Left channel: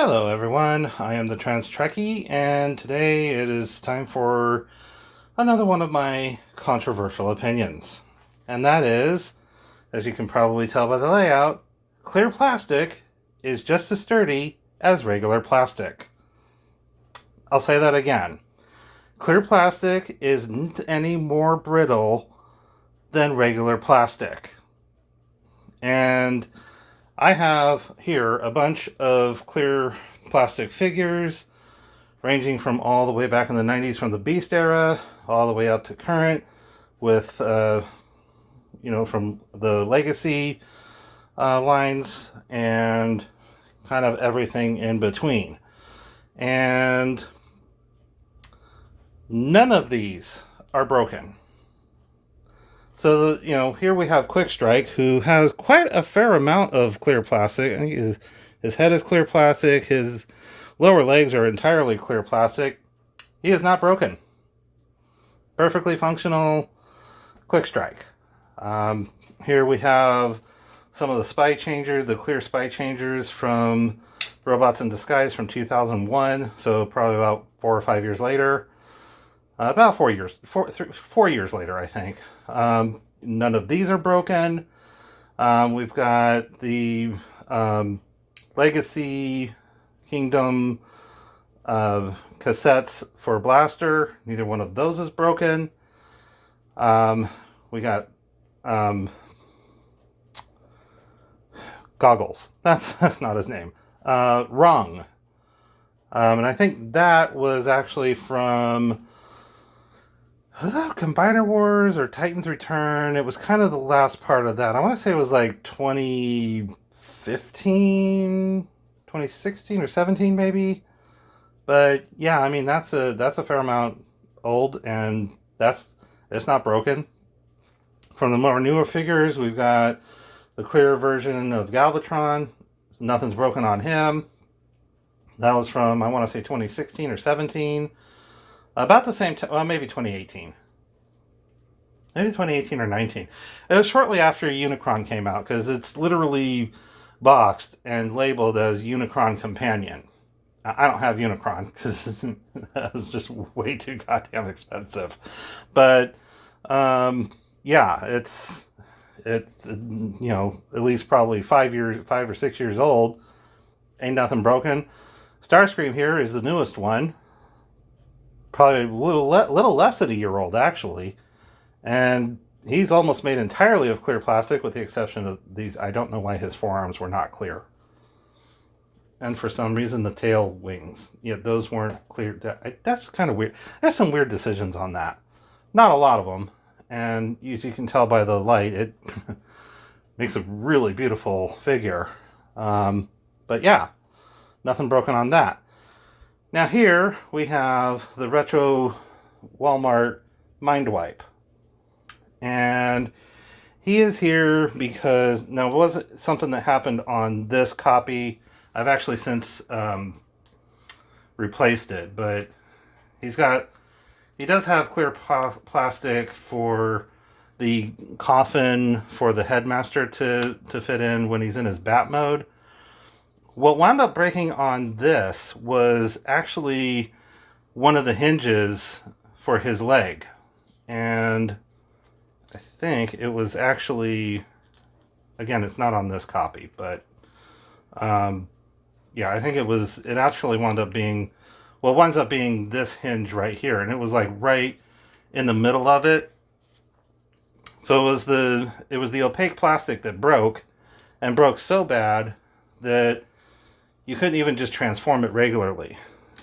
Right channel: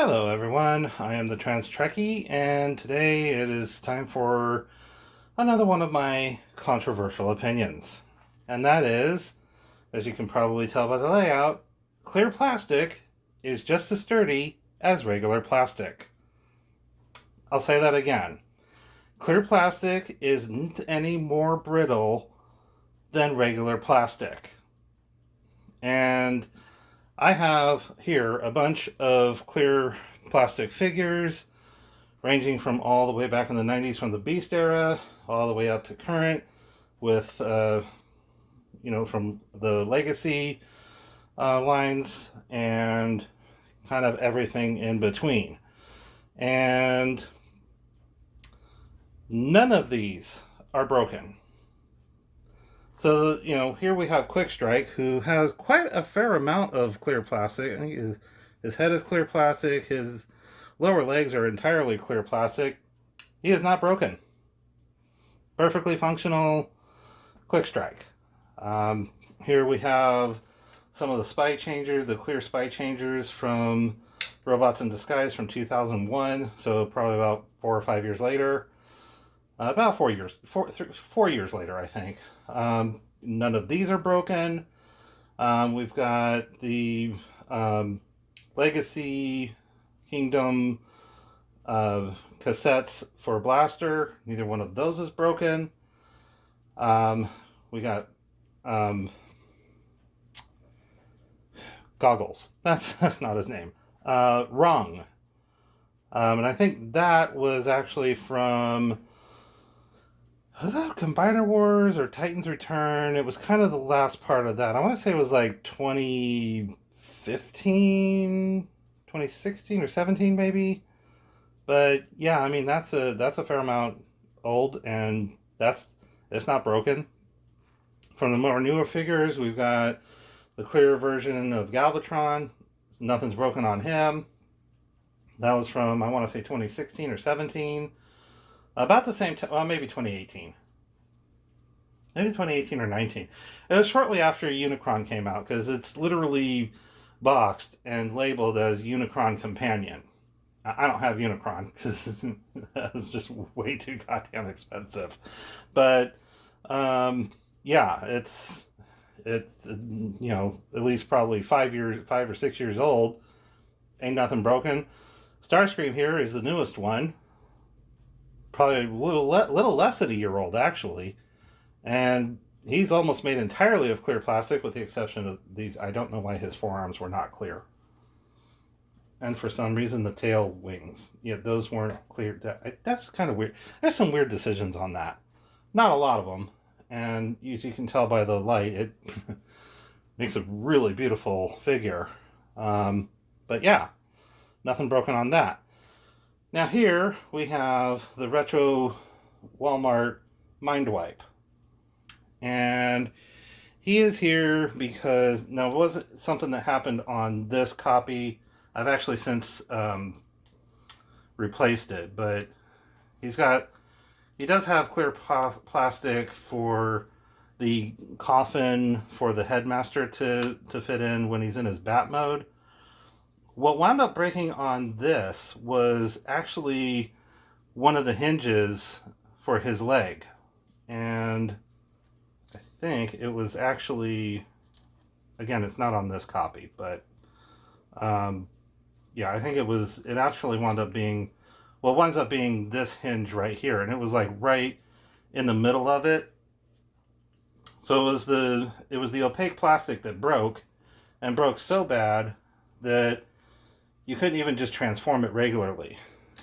Hello everyone, I am the Trans Trekkie, and today it is time for another one of my controversial opinions. And that is, as you can probably tell by the layout, clear plastic is just as sturdy as regular plastic. I'll say that again. Clear plastic isn't any more brittle than regular plastic. And I have here a bunch of clear plastic figures ranging from all the way back in the 90s from the Beast era all the way up to current with, from the Legacy lines and kind of everything in between. And none of these are broken. So, here we have Quick Strike, who has quite a fair amount of clear plastic. I think his head is clear plastic, his lower legs are entirely clear plastic. He is not broken. Perfectly functional Quick Strike. Here we have some of the spy changers, the clear spy changers from Robots in Disguise from 2001, so probably about 4 or 5 years later. About 4 years later, I think. None of these are broken. We've got the Legacy Kingdom cassettes for Blaster. Neither one of those is broken. We got Goggles. That's not his name. Rung. And I think that was actually from... Was that Combiner Wars or Titan's Return? It was kind of the last part of that. I want to say it was like 2015, 2016 or 17 maybe. But yeah, I mean that's a fair amount old, and it's not broken. From the more newer figures, we've got the clear version of Galvatron. Nothing's broken on him. That was from, I want to say, 2016 or 17. About the same time, well, maybe 2018. Maybe 2018 or 19. It was shortly after Unicron came out, because it's literally boxed and labeled as Unicron Companion. I don't have Unicron, because it's just way too goddamn expensive. But, yeah, it's at least probably 5 or 6 years old. Ain't nothing broken. Starscream here is the newest one. Probably a little less than a year old, actually. And he's almost made entirely of clear plastic, with the exception of these. I don't know why his forearms were not clear. And for some reason, the tail wings, those weren't clear. That's kind of weird. There's some weird decisions on that. Not a lot of them. And as you can tell by the light, it makes a really beautiful figure. But yeah, nothing broken on that. Now here we have the retro Walmart Mind Wipe. And he is here because, now it wasn't something that happened on this copy. I've actually since replaced it, but he does have clear plastic for the coffin for the headmaster to fit in when he's in his bat mode. What wound up breaking on this was actually one of the hinges for his leg. And I think it was actually, again, it's not on this copy, but yeah, I think it actually winds up being this hinge right here. And it was like right in the middle of it. So it was the opaque plastic that broke, and broke so bad that you couldn't even just transform it regularly.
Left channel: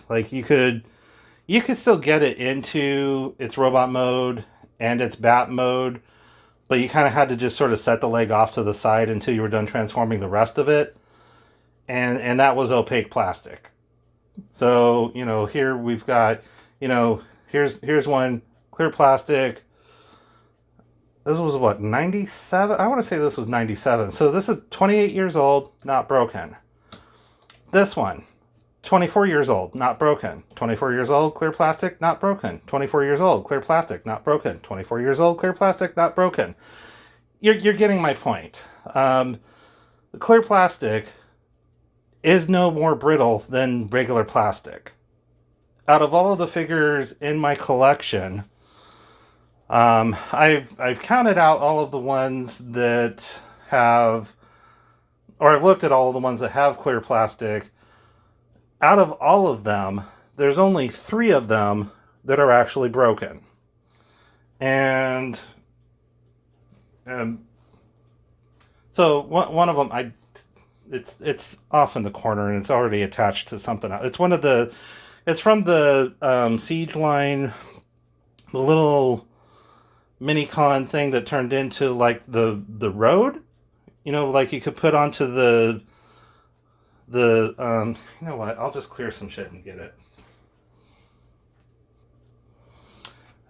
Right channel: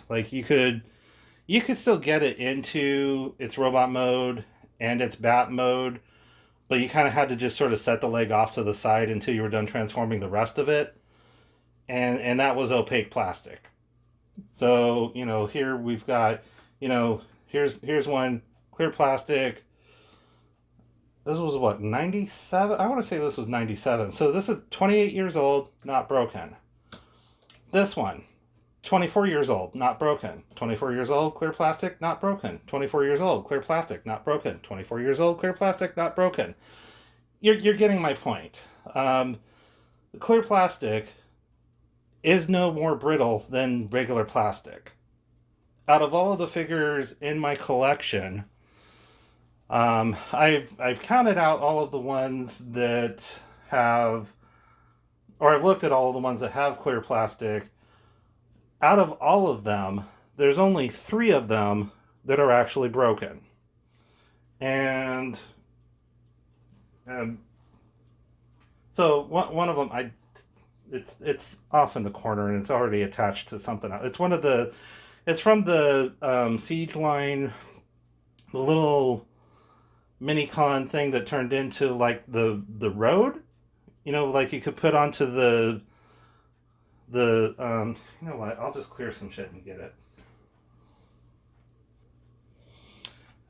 Like you could still get it into its robot mode and its bat mode, but you kind of had to just sort of set the leg off to the side until you were done transforming the rest of it. And that was opaque plastic. So, here we've got, here's one clear plastic. This was what, 97? I want to say this was 97. So this is 28 years old, not broken. This one, 24 years old, not broken. 24 years old, clear plastic, not broken. 24 years old, clear plastic, not broken. 24 years old, clear plastic, not broken. You're getting my point. The clear plastic is no more brittle than regular plastic. Out of all of the figures in my collection, I've counted out all of the ones that have, or I've looked at all of the ones that have clear plastic. Out of all of them, there's only 3 of them that are actually broken. And so one of them, it's off in the corner and it's already attached to something else. It's from the Siege line, the little mini con thing that turned into like the road, like you could put onto the you know what? I'll just clear some shit and get it.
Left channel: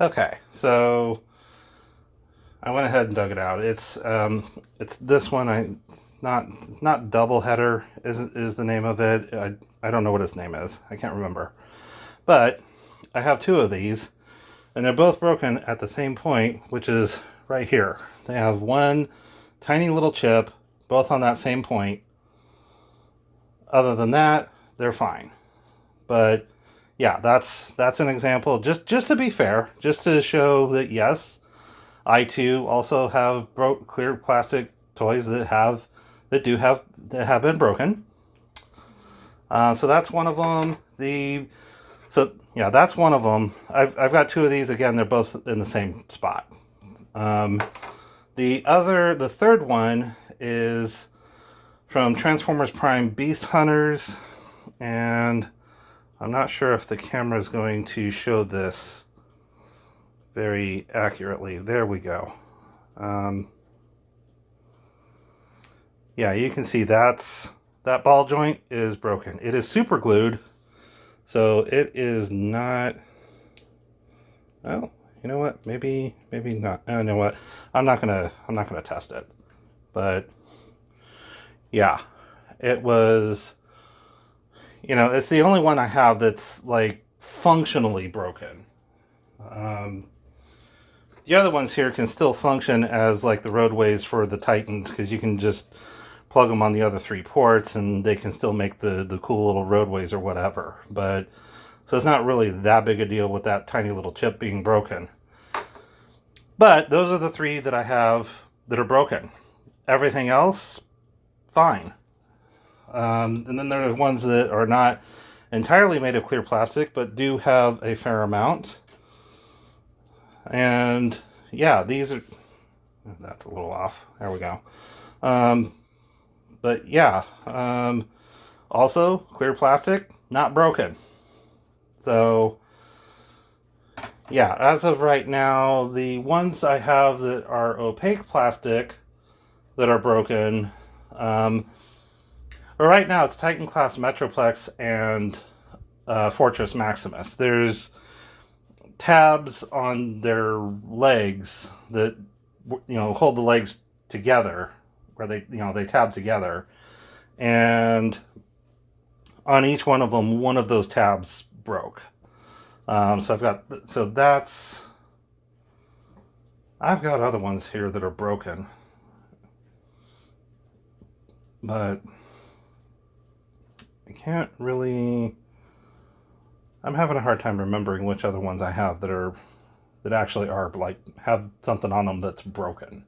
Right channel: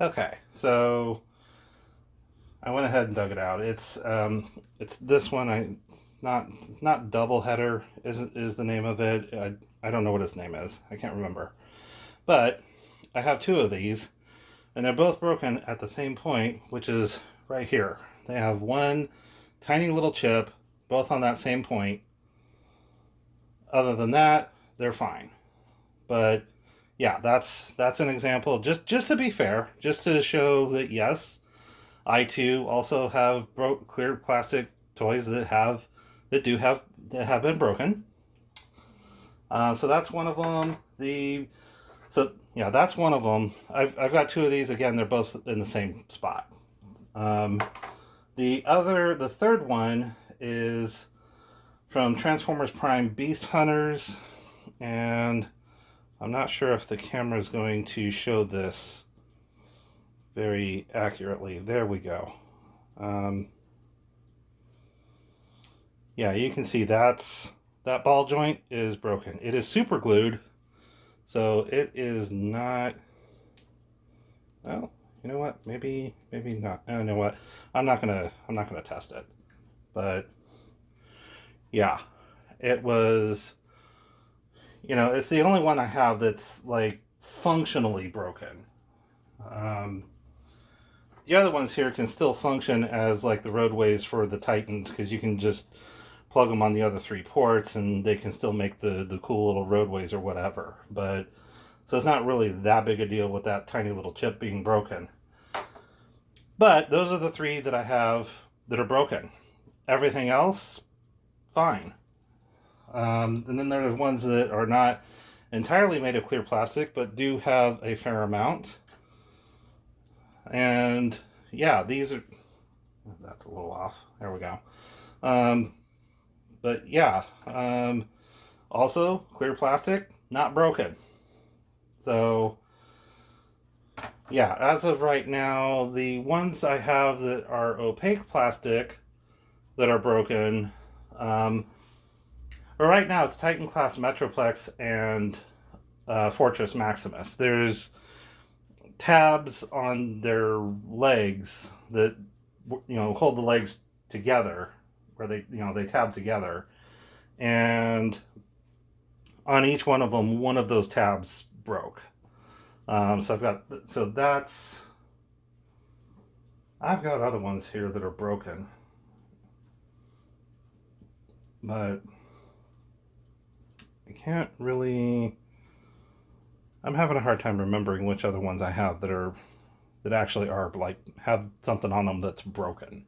Okay, so I went ahead and dug it out. It's this one. Not double header is the name of it. I don't know what its name is. I can't remember. But I have 2 of these, and they're both broken at the same point, which is right here. They have one tiny little chip, both on that same point. Other than that, they're fine. But yeah, that's an example. Just to be fair, just to show that yes, I too also have clear plastic toys that have been broken. So that's one of them. That's one of them. I've got 2 of these. Again, they're both in the same spot. The third one is from Transformers Prime Beast Hunters, and I'm not sure if the camera is going to show this very accurately. There we go. Yeah, you can see that ball joint is broken. It is super glued, so it is not. Well, you know what? Maybe not. You know what? I'm not gonna test it, but yeah, it was. It's the only one I have that's like functionally broken. The other ones here can still function as like the roadways for the Titans, because you can just plug them on the other 3 ports and they can still make the cool little roadways or whatever. But so it's not really that big a deal with that tiny little chip being broken. But those are the 3 that I have that are broken. Everything else, fine. And then there are ones that are not entirely made of clear plastic, but do have a fair amount. And yeah, these are. That's a little off. There we go. But yeah, also clear plastic, not broken. So yeah, as of right now, the ones I have that are opaque plastic that are broken, right now it's Titan Class Metroplex and Fortress Maximus. There's tabs on their legs that hold the legs together, where they tab together, and on each one of them, one of those tabs broke. I've got other ones here that are broken, but I can't really. I'm having a hard time remembering which other ones I have that actually are like have something on them that's broken.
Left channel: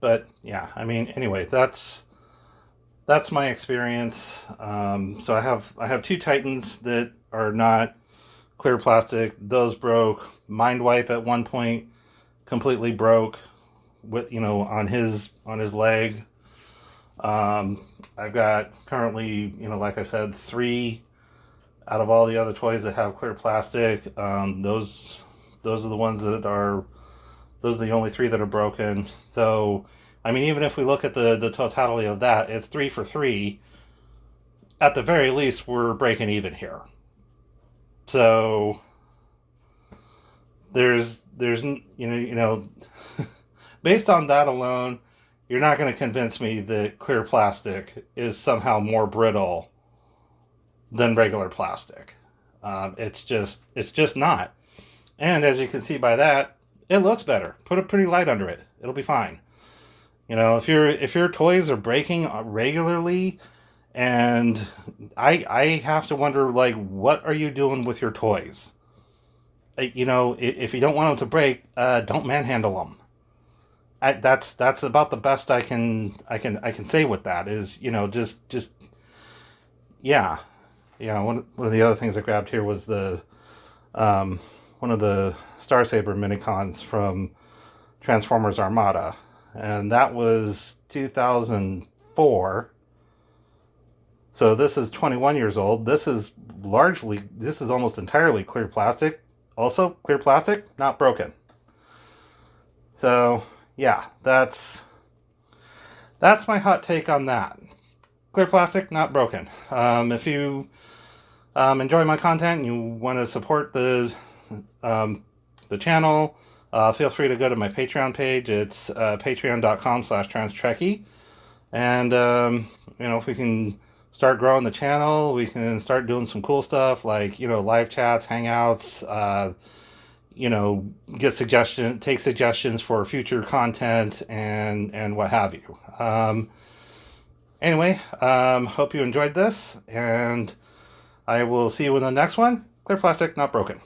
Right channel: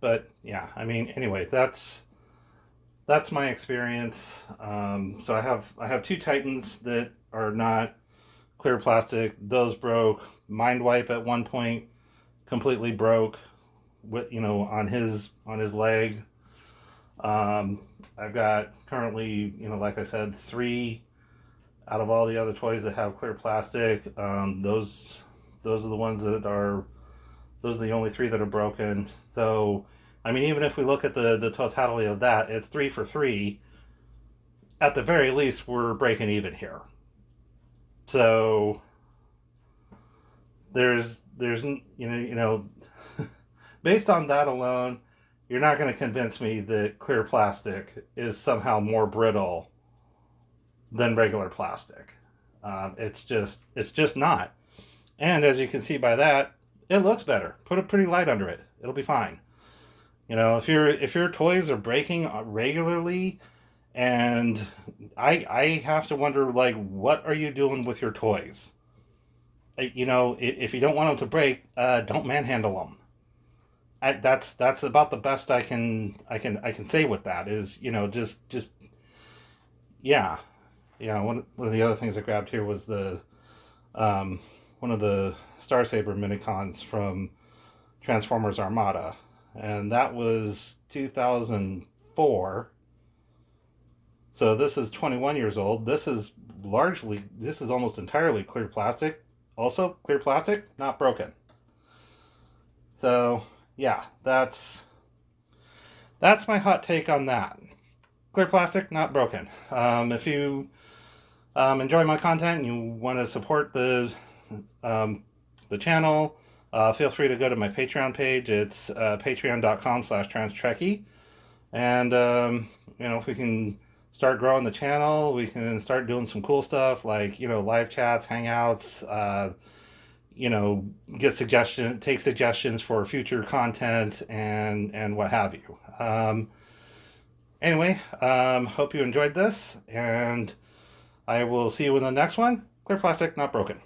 But yeah, I mean, anyway, that's my experience. So I have 2 Titans that are not clear plastic. Those broke. Mind Wipe at one point completely broke with on his leg. I've got currently, like I said, 3 out of all the other toys that have clear plastic. Those are the ones that are. Those are the only 3 that are broken. So, I mean, even if we look at the totality of that, it's 3 for 3. At the very least, we're breaking even here. So, there's based on that alone, you're not going to convince me that clear plastic is somehow more brittle than regular plastic. It's just not. And as you can see by that, it looks better. Put a pretty light under it. It'll be fine. You know, if your toys are breaking regularly, and I have to wonder, like, what are you doing with your toys? You know, if you don't want them to break, don't manhandle them. That's about the best I can say with that is, you know, just yeah. You know, one of the other things I grabbed here was the um, one of the Star Saber minicons from Transformers Armada, and that was 2004. So this is 21 years old. This is almost entirely clear plastic. Also clear plastic, not broken. So yeah, that's my hot take on that. Clear plastic, not broken. If you enjoy my content and you want to support um, the channel, feel free to go to my Patreon page. It's patreon.com/transtrekkie. And, you know, if we can start growing the channel, we can start doing some cool stuff like, you know, live chats, hangouts, you know, take suggestions for future content and what have you. Anyway, hope you enjoyed this, and I will see you in the next one. Clear plastic, not broken.